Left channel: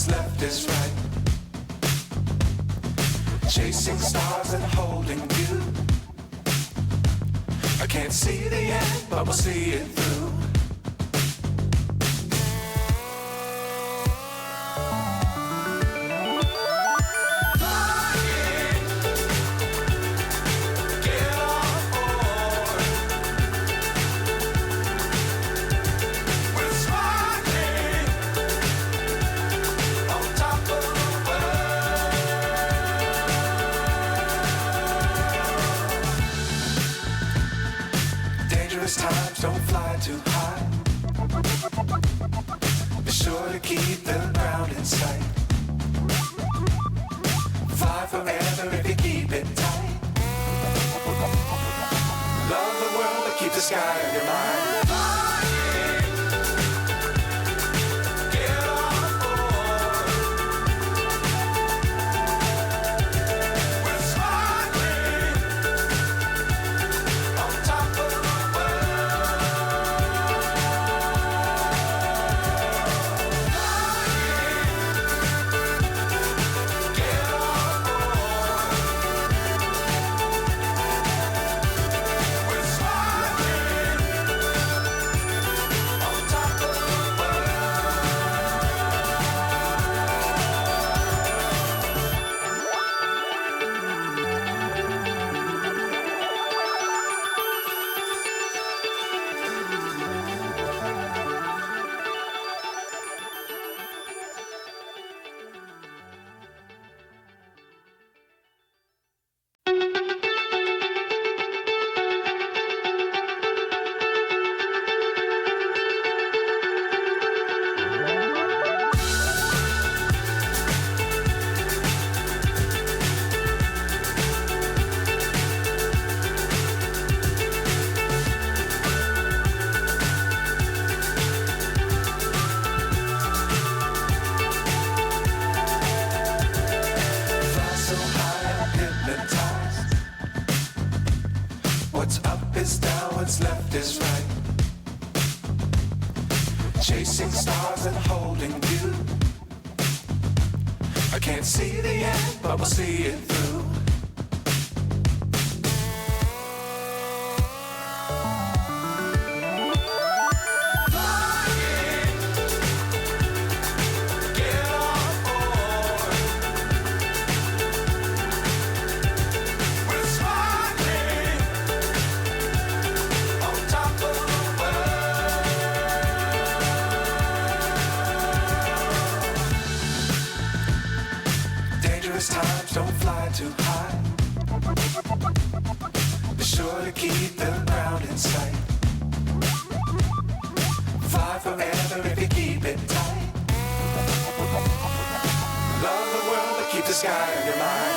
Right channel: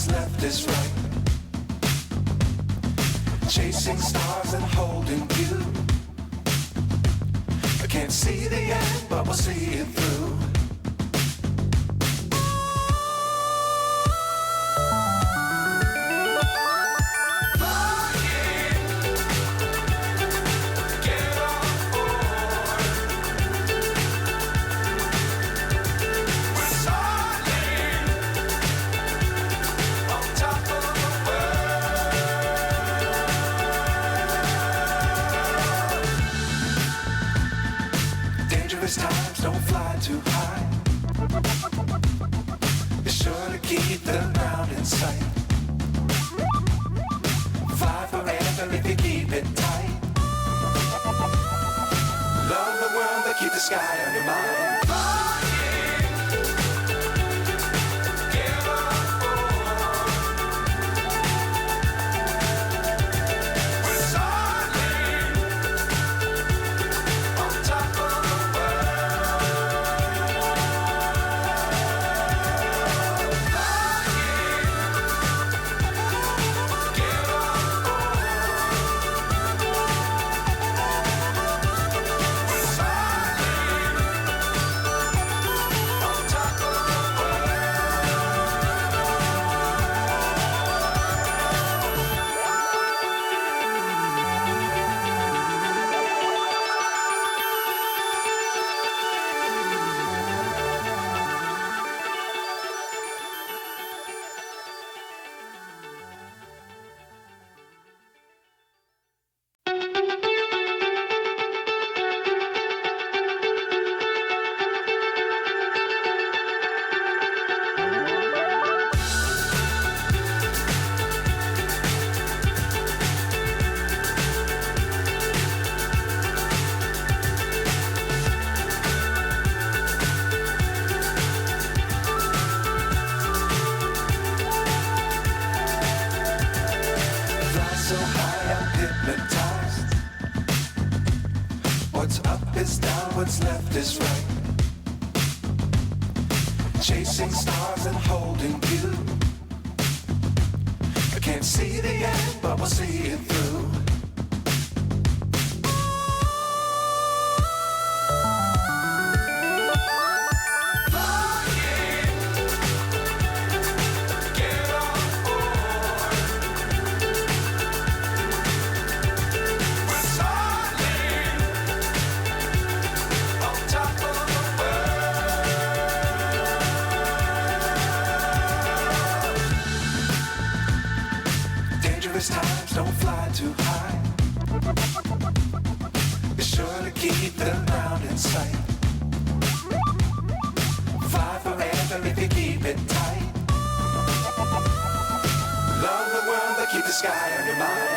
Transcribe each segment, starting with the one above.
what's left is right. Chasing stars and holding you. I can't see the end, but we'll see it through. Times don't fly too high. Be sure to keep the ground in sight. Fly forever if you keep it tight. Love the world but keep the sky on your mind. So high I'm hypnotized. What's up is down, what's left is right. Chasing stars and holding you. I can't see the end, but we'll see it through. Times don't fly too high. Be sure to keep the ground in sight. Fly forever if you keep it tight. Love the world but keep the sky on your mind.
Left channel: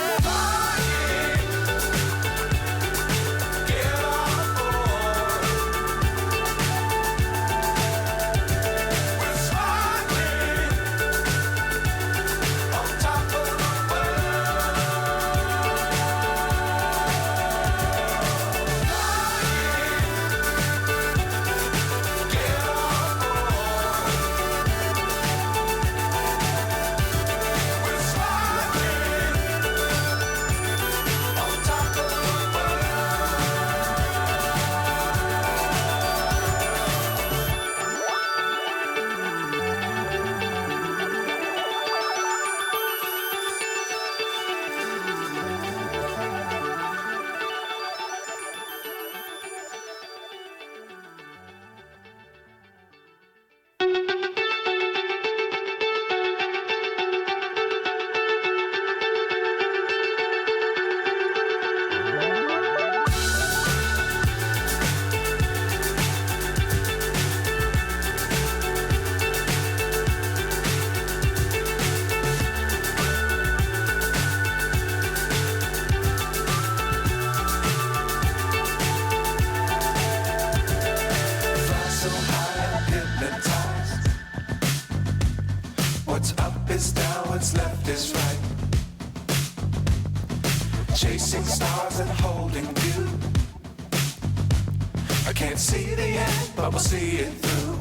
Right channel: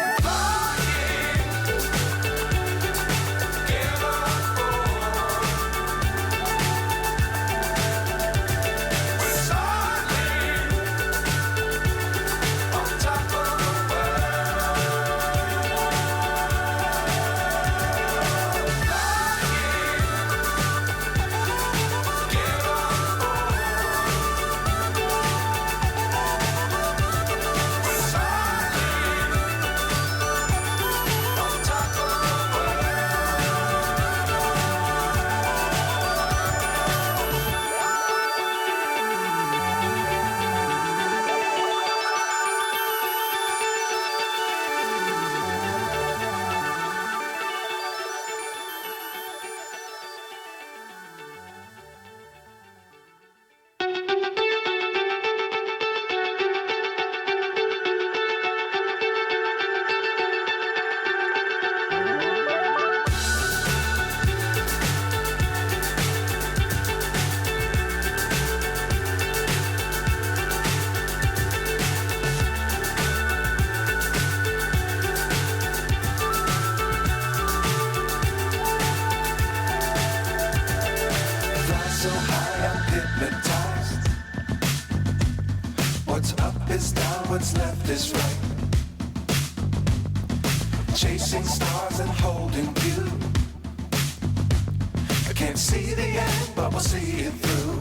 So high I'm hypnotized. What's up is down, what's left is right. Chasing stars and holding you. I can't see the end, but we'll see it through.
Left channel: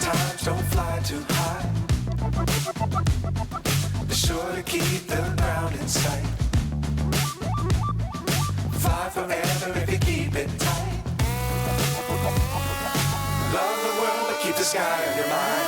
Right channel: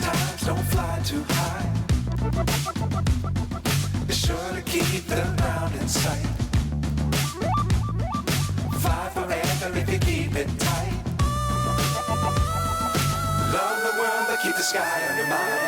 Dangerous times don't fly too high. Be sure to keep the ground in sight. Fly forever if you keep it tight. Love the world but keep the sky on your mind.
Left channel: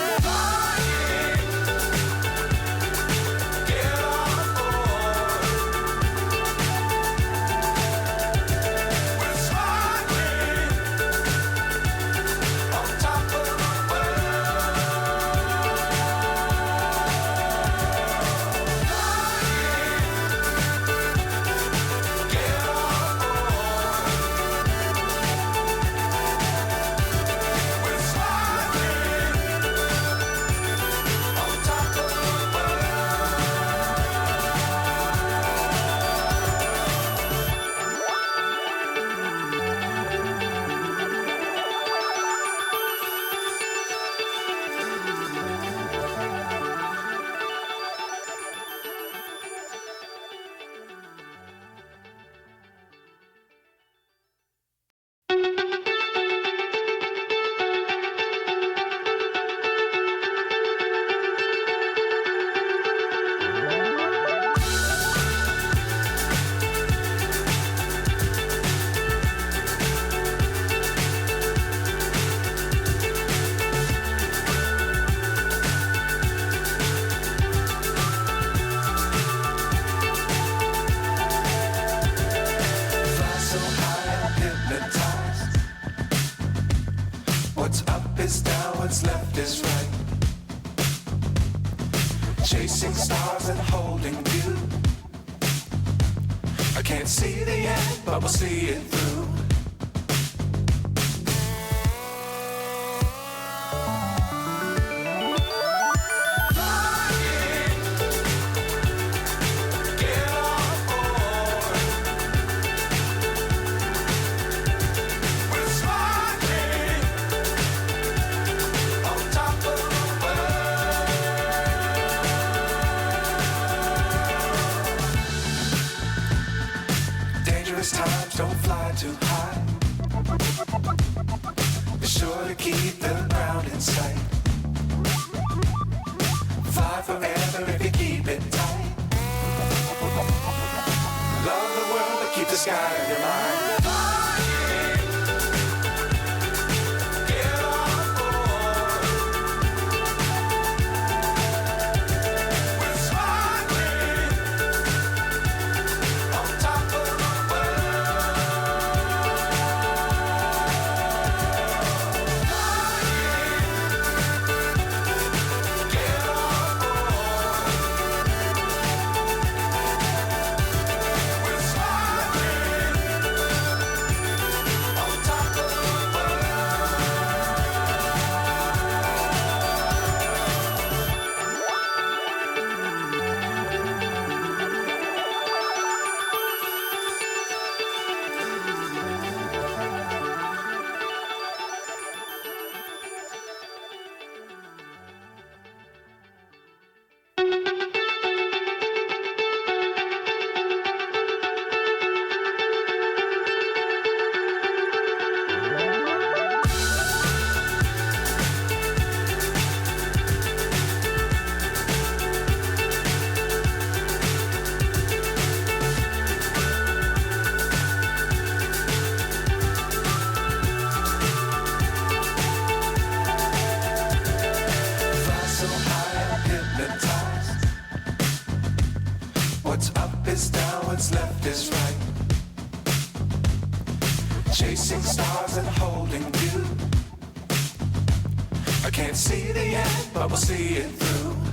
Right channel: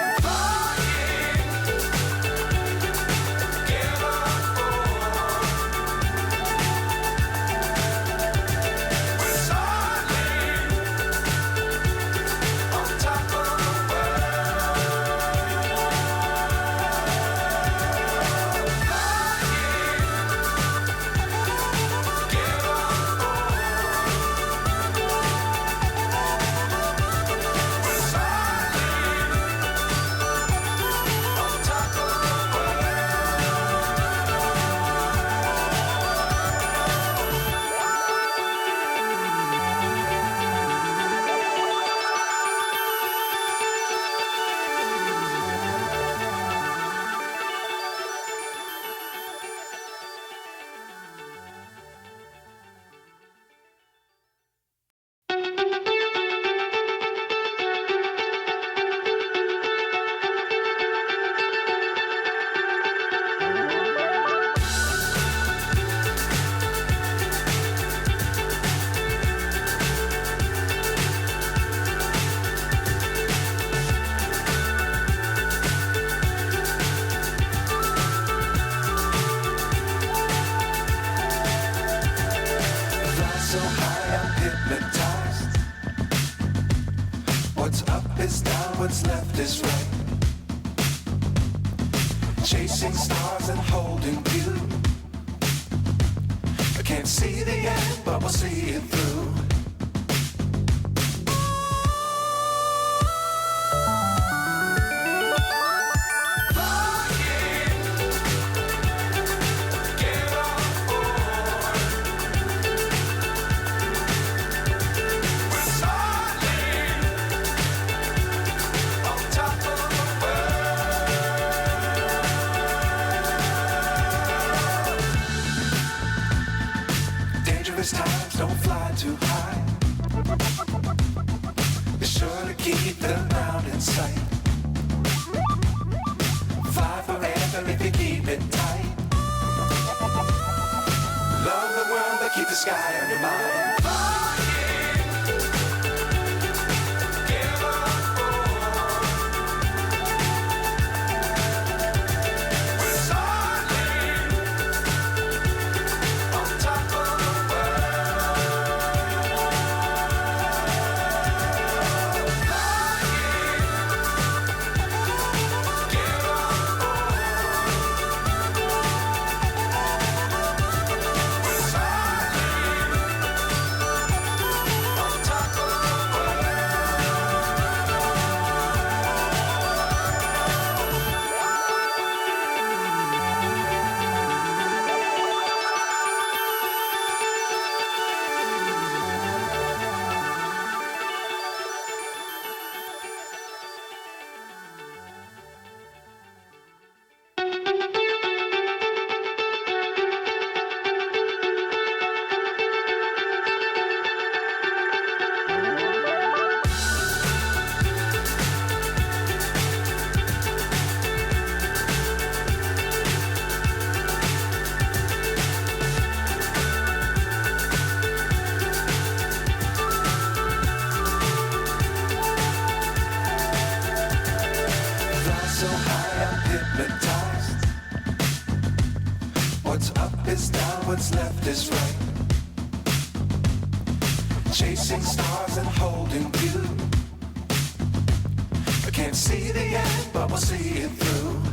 So high I'm hypnotized. What's up is down, what's left is right. Chasing stars and holding you. I can't see the end, but we'll see it through. Times don't fly too high. Be sure to keep the ground in sight. Fly forever if you keep it tight. Love the world but keep the sky on your mind. So high I'm hypnotized. What's up is down, what's left is right. Chasing stars and holding you. I can't see the end, but we'll see it through.